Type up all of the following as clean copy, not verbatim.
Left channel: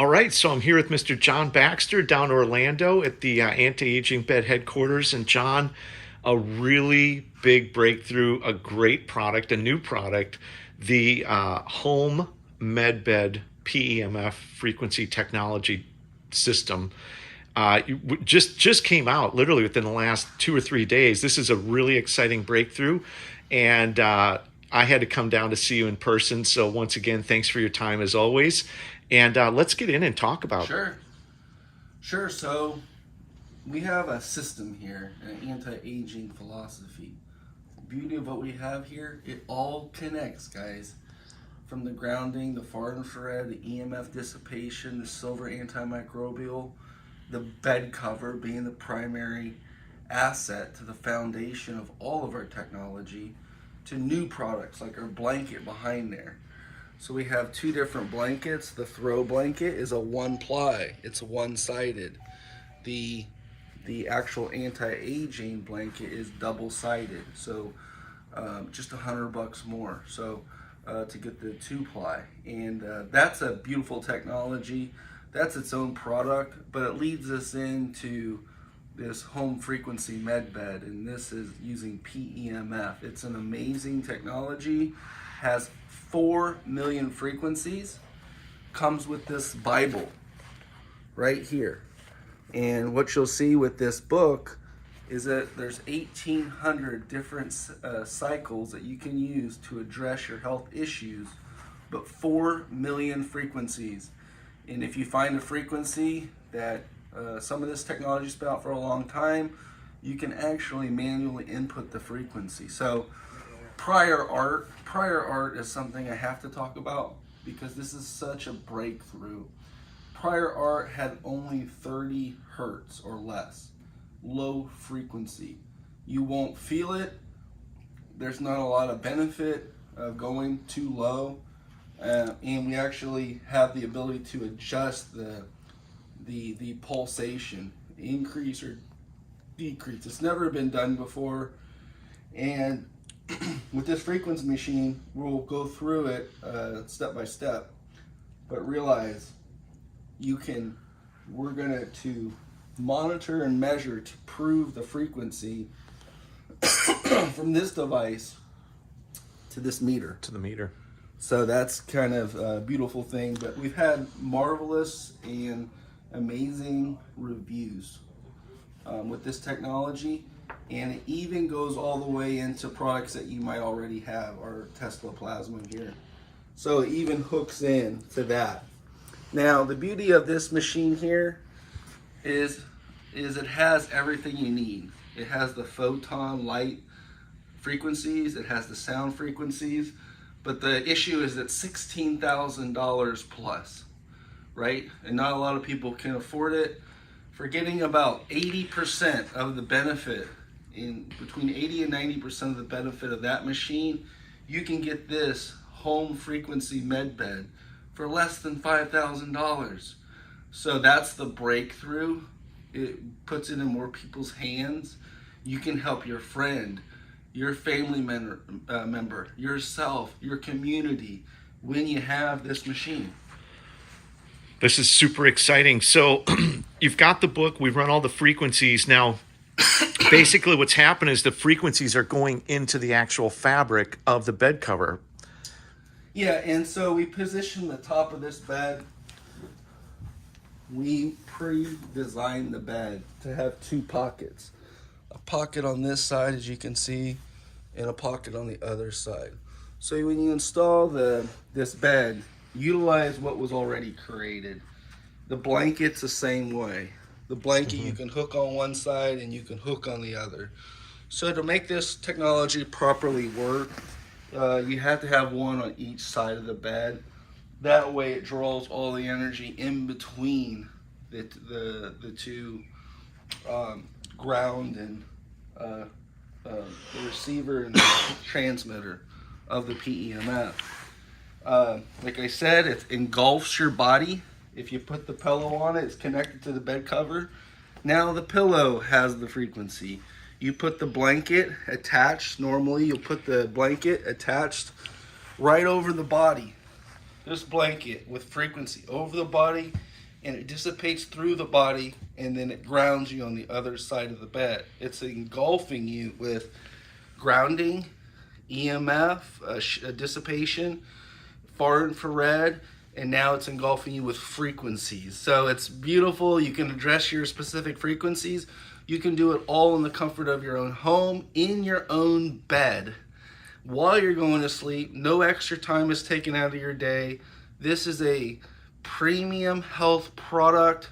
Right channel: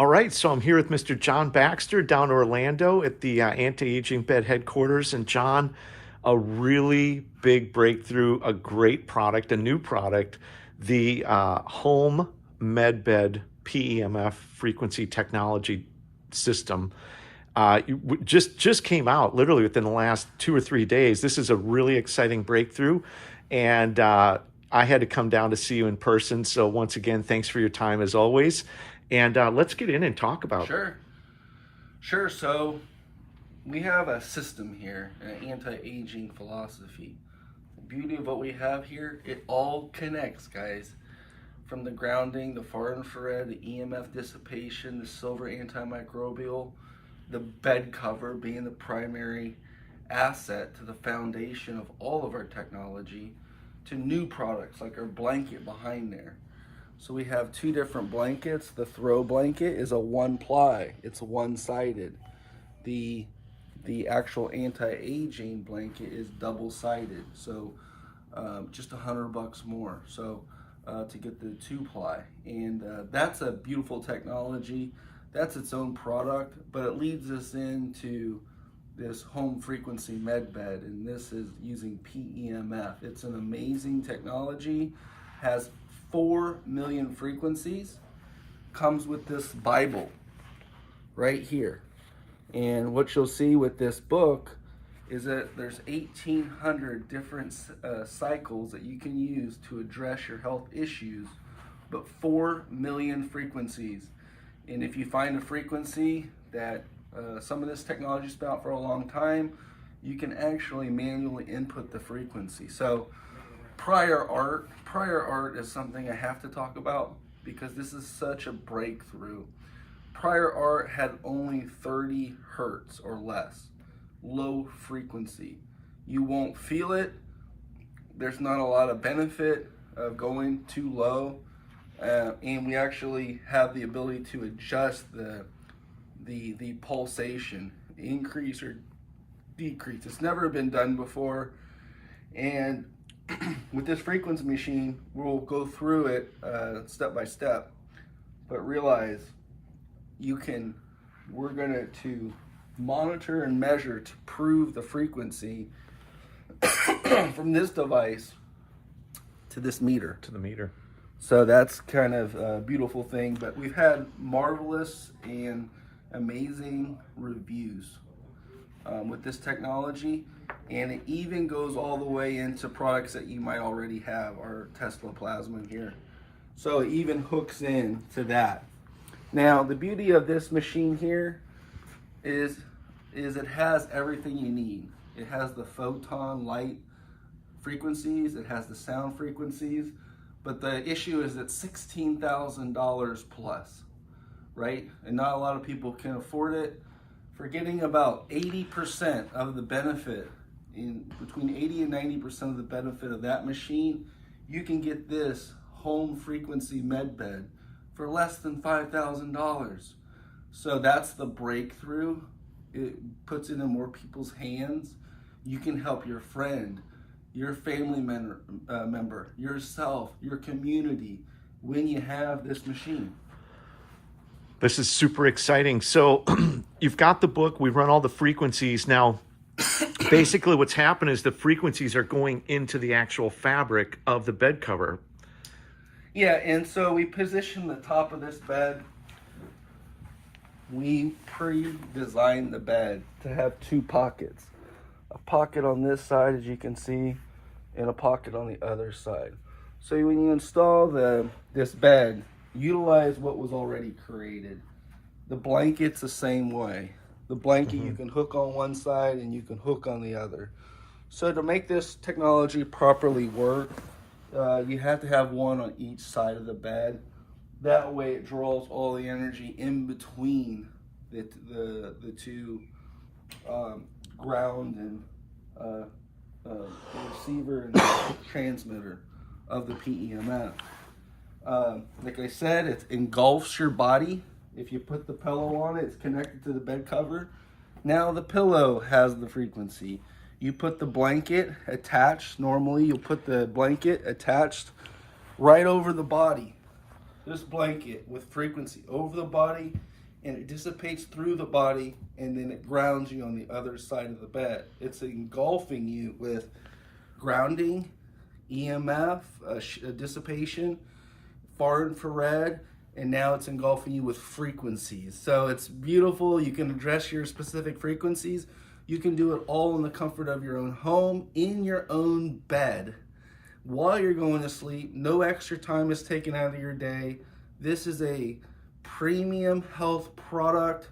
All right, so I'm here with Mr. John Baxter down in Orlando at the anti-aging bed headquarters. And John, a really big breakthrough, a great product, a new product, the home medbed PEMF frequency technology system. Just came out literally within the last 2 or 3 days. This is a really exciting breakthrough, and I had to come down to see you in person. So once again, thanks for your time as always. And let's get in and talk about. Sure. So we have a system here, an anti-aging philosophy. The beauty of what we have here, it all connects, guys. From the grounding, the far infrared, the EMF dissipation, the silver antimicrobial, the bed cover being the primary asset to the foundation of all of our technology, to new products like our blanket behind there. So we have two different blankets. The throw blanket is a one ply, it's one-sided. The actual anti-aging blanket is double-sided, so just $100 more. So to get the 2-ply, and that's a beautiful technology. That's its own product, but it leads us into this home frequency med bed, and this is using PEMF. It's an amazing technology, has 4 million frequencies, comes with this Bible right here. And what you'll see with this book is that there's 1,800 different cycles that you can use to address your health issues, but 4 million frequencies. And if you find a frequency that some of this technology's been out for a long time, you can actually manually input the frequency. So prior art is something I have to talk about because this is such a breakthrough. Prior art had only 30 hertz or less, low frequency. You won't feel it. There's not a lot of benefit of going too low. And we actually have the ability to adjust the pulsation, increase or decrease. It's never been done before, and with this frequency machine, we'll go through it step by step. But realize we're going to monitor and measure to prove the frequency from this device to this meter. To the meter. So that's kind of a beautiful thing, but we've had marvelous and amazing reviews with this technology, and it even goes all the way into products that you might already have, our Tesla plasma here. So it even hooks in to that. Now, the beauty of this machine here is it has everything you need. It has the photon light frequencies, it has the sound frequencies, but the issue is that $16,000 plus, right? And not a lot of people can afford it. Forgetting about 80% of the benefit, in between 80 and 90% of the benefit of that machine, you can get this home frequency med bed for less than $5,000. So that's the breakthrough. It puts it in more people's hands. You can help your friend, your family member, yourself, your community when you have this machine. This is super exciting. So you've got the book. We've run all the frequencies. Now, basically what's happened is the frequencies are going into the actual fabric of the bed cover. Yeah, and so we position the top of this bed. We pre-designed the bed to have two pockets. A pocket on this side, as you can see, and a pocket on the other side. So when you install this bed, utilize what was already created. The blanket's the same way. The blanket you can hook on one side and you can hook on the other. So to make this technology properly work, you have to have one on each side of the bed. That way it draws all the energy in between the two ground and the receiver and the transmitter of the PEMF. Like I said, it engulfs your body. If you put the pillow on it, it's connected to the bed cover. Now the pillow has the frequency. You put the blanket attached. Normally you'll put the blanket attached right over the body. This blanket with frequency over the body and it dissipates through the body, and then it grounds you on the other side of the bed. It's engulfing you with grounding, EMF, dissipation, far infrared, and now it's engulfing you with frequencies. So it's beautiful. You can address your specific frequencies. You can do it all in the comfort of your own home, in your own bed, while you're going to sleep. No extra time is taken out of your day. This is a premium health product,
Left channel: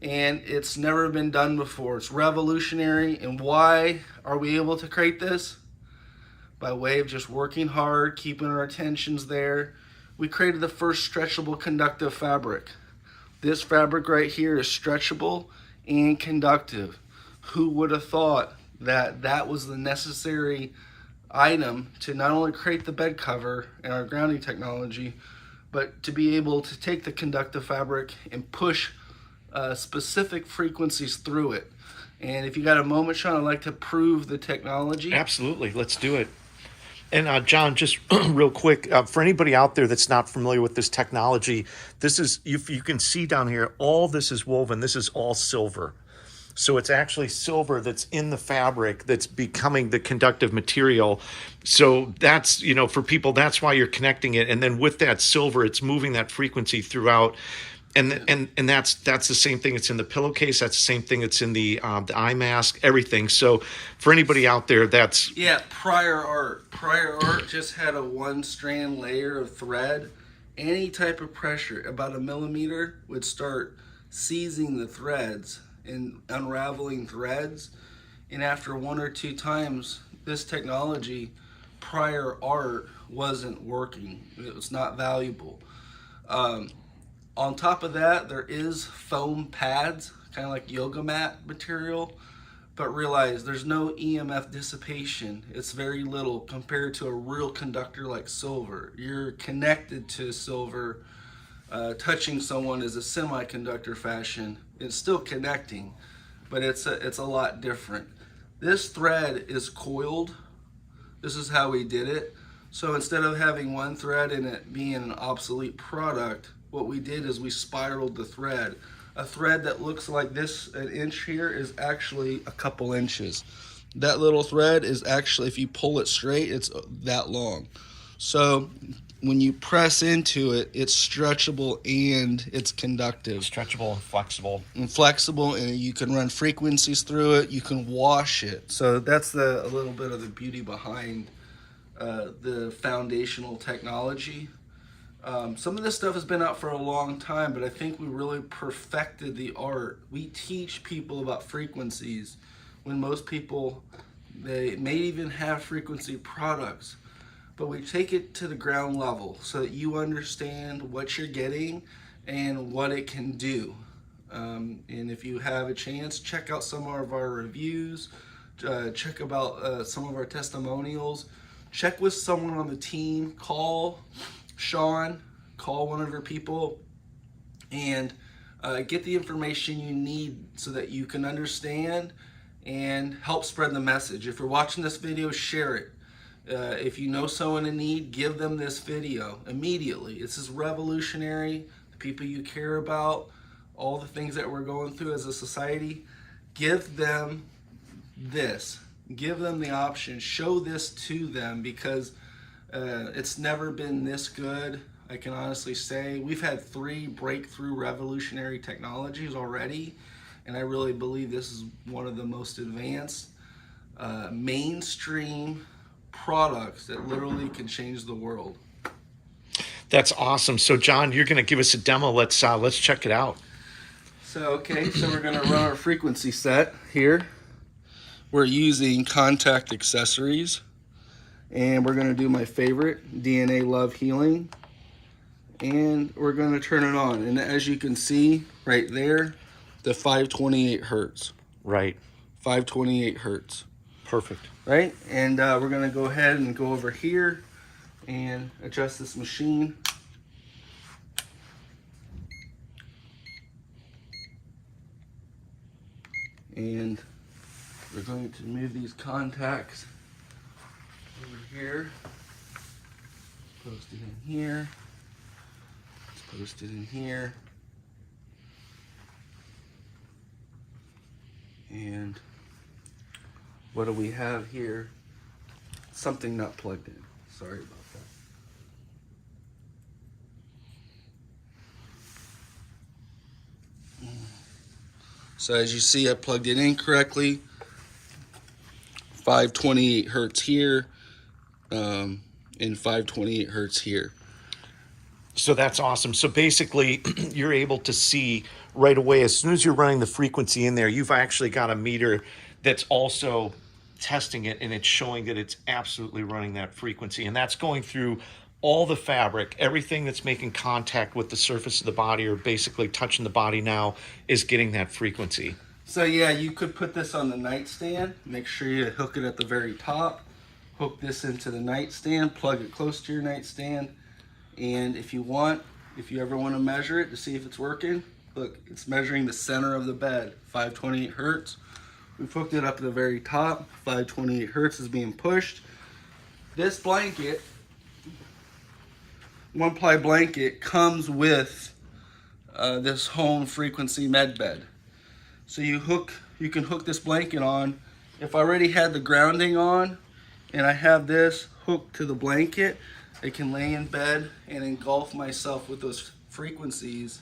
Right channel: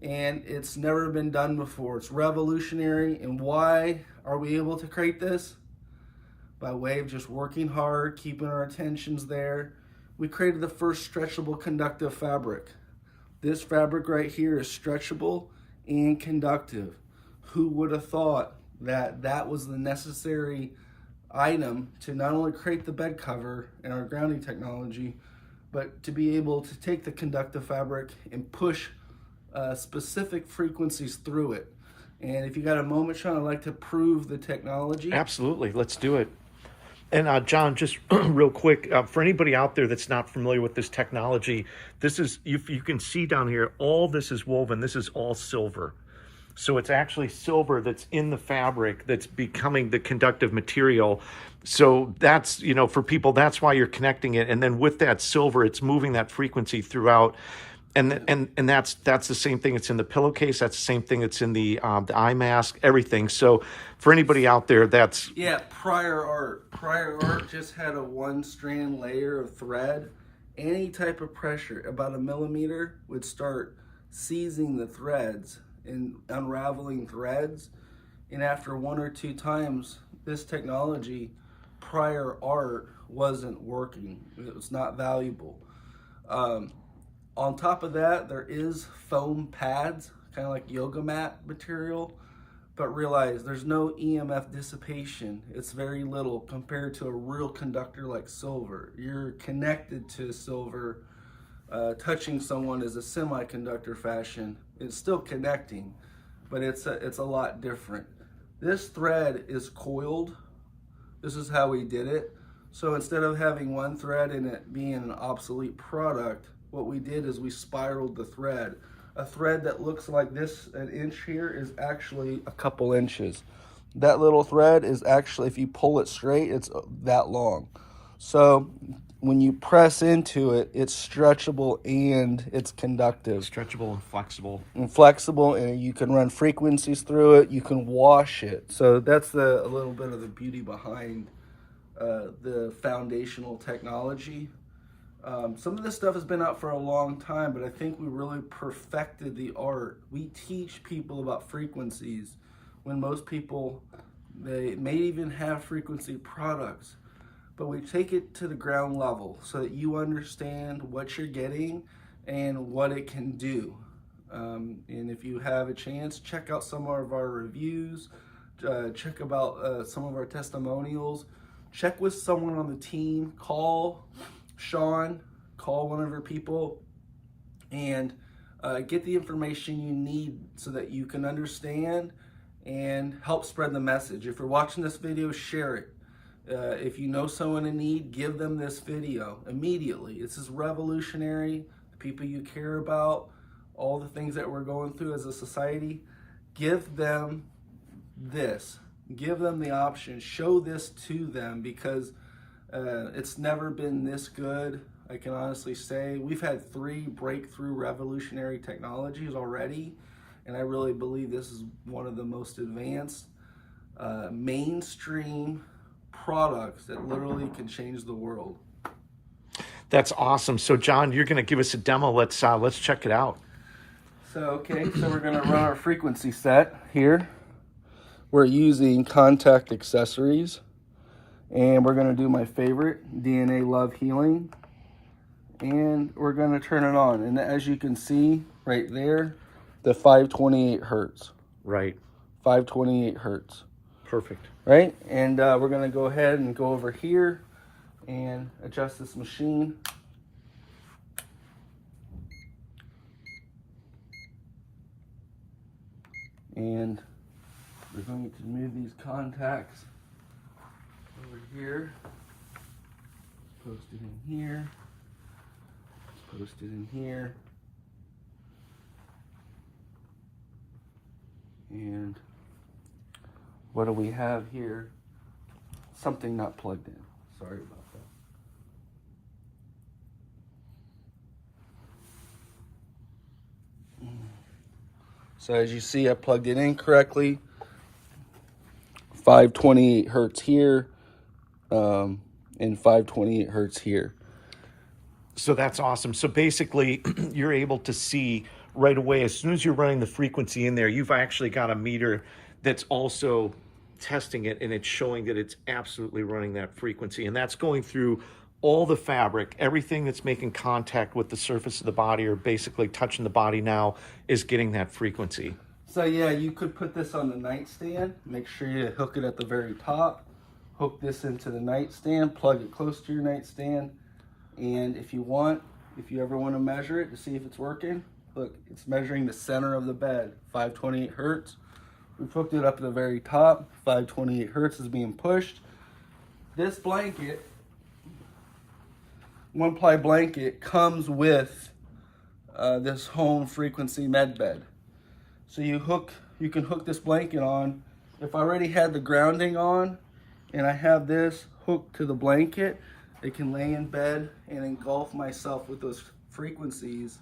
and it's never been done before. It's revolutionary. And why are we able to create this? By way of just working hard, keeping our attentions there. We created the first stretchable conductive fabric. This fabric right here is stretchable and conductive. Who would have thought that that was the necessary item to not only create the bed cover and our grounding technology, but to be able to take the conductive fabric and push specific frequencies through it. And if you got a moment, Sean, I'd like to prove the technology. Absolutely. Let's do it. And John, just real quick, for anybody out there that's not familiar with this technology, this is, you can see down here, all this is woven. This is all silver. So it's actually silver that's in the fabric that's becoming the conductive material. So that's, for people, that's why you're connecting it. And then with that silver, it's moving that frequency throughout. And that's the same thing. It's in the pillowcase. That's the same thing. It's in the eye mask. Everything. So for anybody out there, that's prior art. Prior art just had a 1-strand layer of thread. Any type of pressure, about a millimeter, would start seizing the threads and unraveling threads. And after 1 or 2 times, this technology, prior art, wasn't working. It was not valuable. On top of that, there is foam pads, kind of like yoga mat material, but realize there's no EMF dissipation. It's very little compared to a real conductor like silver. You're connected to silver. Touching someone is a semiconductor fashion. It's still connecting, but it's a lot different. This thread is coiled. This is how we did it. So instead of having one thread and it being an obsolete product, what we did is we spiraled the thread. A thread that looks like this, an inch here, is actually a couple inches. That little thread is actually, if you pull it straight, it's that long. So when you press into it, it's stretchable and it's conductive. stretchable and flexible. And you can run frequencies through it. You can wash it. So that's a little bit of the beauty behind the foundational technology. Some of this stuff has been out for a long time, but I think we really perfected the art. We teach people about frequencies when most people, they may even have frequency products, but we take it to the ground level so that you understand what you're getting and what it can do. And if you have a chance, check out some of our reviews, check about some of our testimonials, check with someone on the team, call Sean, call one of your people, and get the information you need so that you can understand and help spread the message. If you're watching this video, share it. If you know someone in need, give them this video immediately. This is revolutionary. The people you care about, all the things that we're going through as a society, give them this. Give them the option. Show this to them, because it's never been this good. I can honestly say we've had 3 breakthrough revolutionary technologies already, and I really believe this is one of the most advanced mainstream products that literally can change the world. That's awesome. So John, you're going to give us a demo. Let's check it out. So we're going to run our frequency set here. We're using Contact Accessories, and we're going to do my favorite, DNA Love Healing, and we're going to turn it on. And as you can see right there, the 528 hertz. Right. 528 hertz. Perfect. Right? And we're going to go ahead and go over here and adjust this machine. And we're going to move these contacts over here. Post it in here. Post it in here. And what do we have here? Something not plugged in. Sorry about that. So as you see, I plugged it in correctly. 528 hertz here, and 528 hertz here. So that's awesome. So basically, you're able to see right away, as soon as you're running the frequency in there, you've actually got a meter that's also testing it, and it's showing that it's absolutely running that frequency. And that's going through all the fabric, everything that's making contact with the surface of the body or basically touching the body now is getting that frequency. So yeah, you could put this on the nightstand. Make sure you hook it at the very top. Hook this into the nightstand, plug it close to your nightstand. And if you ever want to measure it to see if it's working, look, it's measuring the center of the bed, 528 hertz. We've hooked it up at the very top, 528 hertz is being pushed. This blanket, one-ply blanket, comes with this home frequency med bed. So you can hook this blanket on. If I already had the grounding on and I have this hooked to the blanket, I can lay in bed and engulf myself with those frequencies.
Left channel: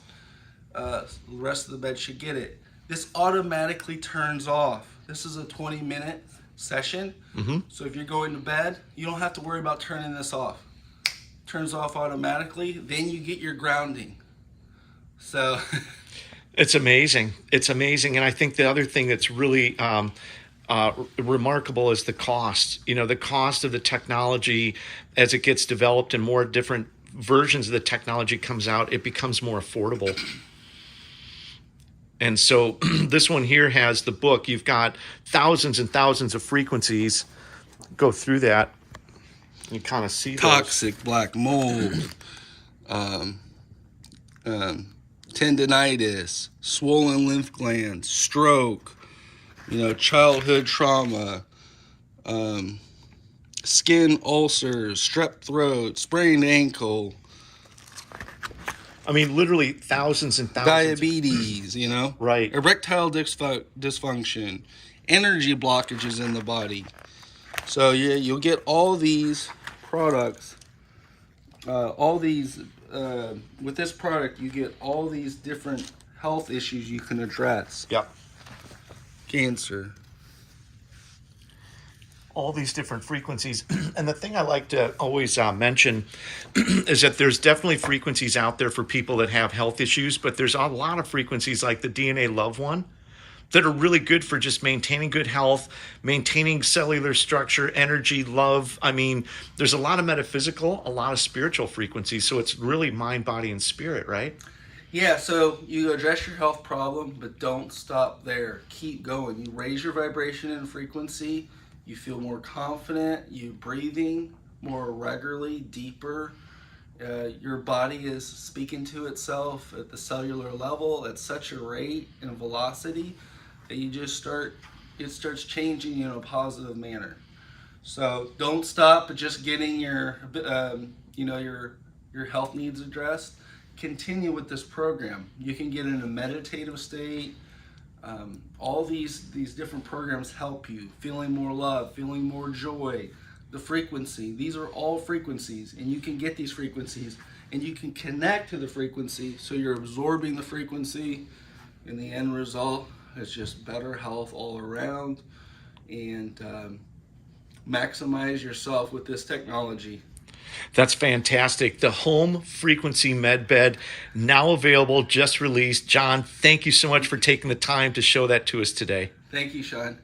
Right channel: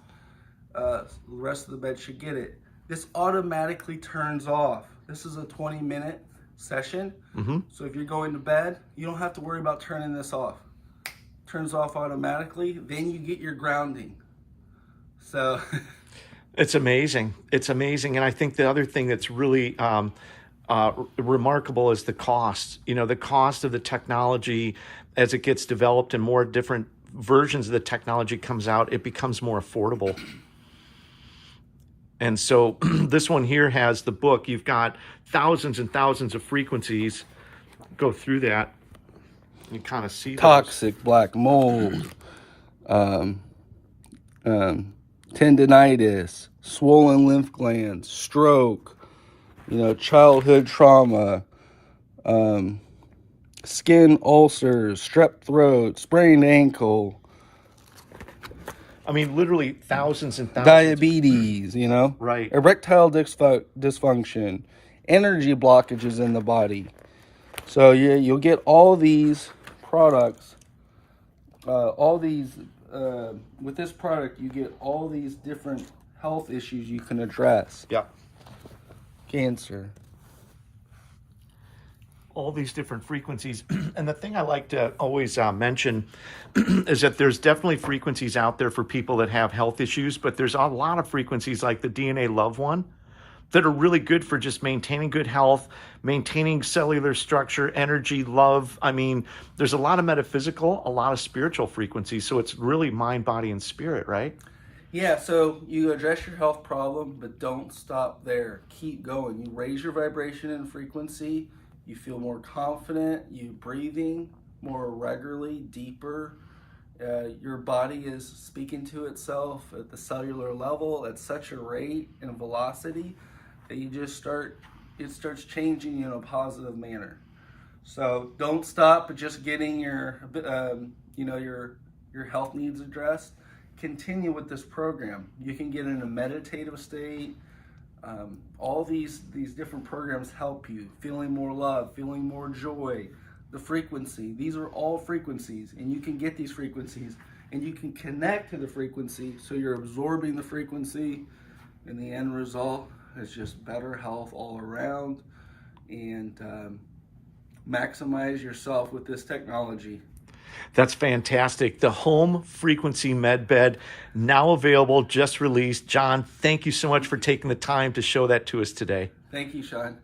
The rest of the bed should get it. This automatically turns off. This is a 20-minute session. So if you're going to bed, you don't have to worry about turning this off. Turns off automatically, then you get your grounding. So it's amazing. It's amazing. And I think the other thing that's really remarkable is the cost. You know, the cost of the technology as it gets developed and more different versions of the technology comes out, it becomes more affordable. And so this one here has the book. You've got thousands and thousands of frequencies. Go through that. You kind of see toxic black mold, tendinitis, swollen lymph glands, stroke, childhood trauma, skin ulcers, strep throat, sprained ankle. I mean, literally thousands and thousands. Diabetes, Right. Erectile dysfunction, energy blockages in the body. So you'll get all these products, with this product, you get all these different health issues you can address. Yep. Cancer. All these different frequencies. And the thing I like to always mention is that there's definitely frequencies out there for people that have health issues, but there's a lot of frequencies like the DNA Love one that are really good for just maintaining good health, maintaining cellular structure, energy, love. I mean, there's a lot of metaphysical, a lot of spiritual frequencies. So it's really mind, body, and spirit, right? Yeah, so you address your health problem, but don't stop there. Keep going. You raise your vibration and frequency. You feel more confident. You breathing more regularly, deeper. Your body is speaking to itself at the cellular level at such a rate and velocity that it starts changing in a positive manner. So don't stop at just getting your health needs addressed. Continue with this program. You can get in a meditative state. All these different programs help you. Feeling more love, feeling more joy, the frequency. These are all frequencies, and you can get these frequencies, and you can connect to the frequency, so you're absorbing the frequency, and the end result is just better health all around, and maximize yourself with this technology. That's fantastic. The home frequency med bed, now available, just released. John, thank you so much for taking the time to show that to us today. Thank you, Sean.